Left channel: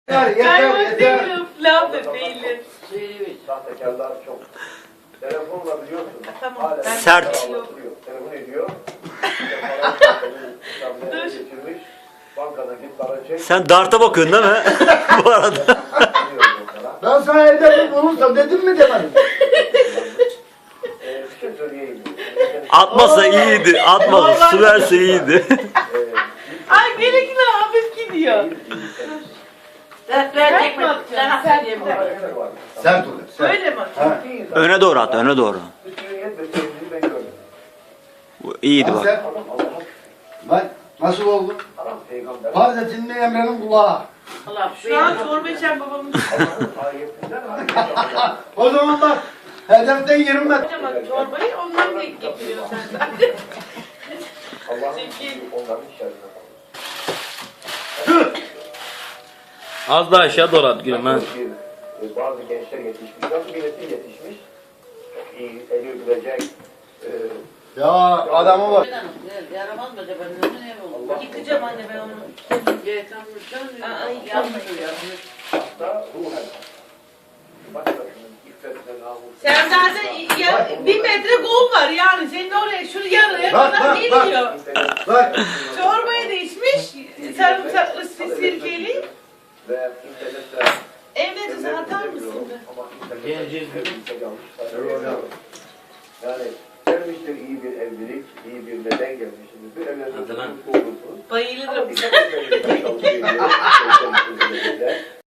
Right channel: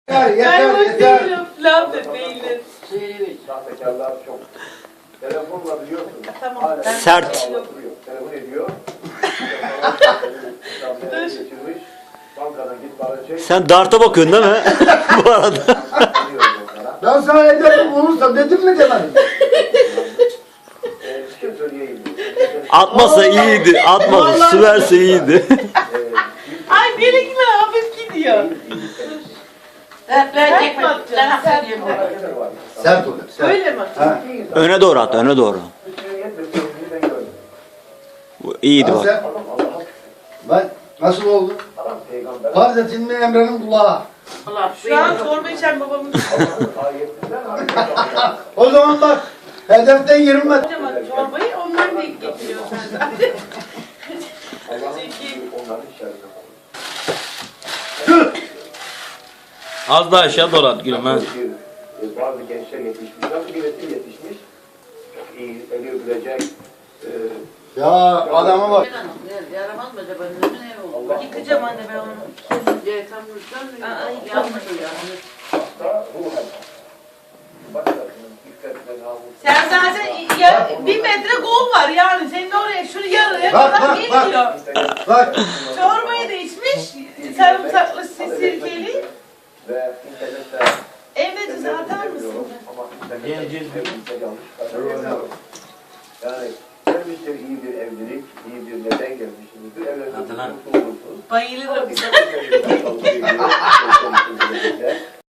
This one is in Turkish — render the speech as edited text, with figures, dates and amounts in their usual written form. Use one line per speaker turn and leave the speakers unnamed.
Yeter.
değilim. Laf da değilim.
Sahtekarlar çok. Telefonla biliyorsun.
Tamam.
Hala
Sert.
anlatılıyor. Telefon ediyor. Getirmiş. Bankadan git para çek.
Sen darta bakıyorsun değil mi? Bu arada.
Ben sana ederim bulursam dedim mi demedim.
Bir şey söyleyeyim.
Atmasa iyiydi. Atmasa. Su verse iyiydi.
Ay benimkiler hafif gidiyor.
Dertler ben söyleyeyim.
Sert ol. Sert.
Öyle mi?
Ha.
Öne doğru at. Öne doğru. Bu iyiydi bak.
Sen,
Adam Allah'a
ben nasıl oldu?
adam peygamber.
Farz etin Emre'nin kulağı.
Allah
Şu an çorba içen babamın
Allah'ın ayetinden hareket
O zaman bak hedeften 20 metre.
kocaman çorbayı onları da getiriyor senden.
Allah'ın
Zeki.
onların şerrine.
Az daha aşağı dolat gülüm ha.
Bazı gençler yetişmiş. Nasıl bir nesil yetişmiş? Çok iyi, eli öpülecek.
Ya adama bak.
Yaramaz mı acaba? Ne oldu?
Yıkacağım anne ben onu. Aa,
Yapmıyor.
Hatta ruhen. Başkasının iffetine, namusuna.
Sen zaten ya, 1 metre gol var yani. Senin oraya şunu yarıya
Bak,
kadar
bak,
geliyor.
Bak.
Çorbayı da içmiş. Sarımsaklı sirkeli.
Ve internette
Evde de atar mısın?
ama internette
Geleceğiz.
hepimize yanlış. Yani gelmiştir iyi bir evlilik, iyi bir neden gelmişsiniz. Bir evlilik
Hadi lan.
mutlu olursunuz.
Bayılırım.
Ama bir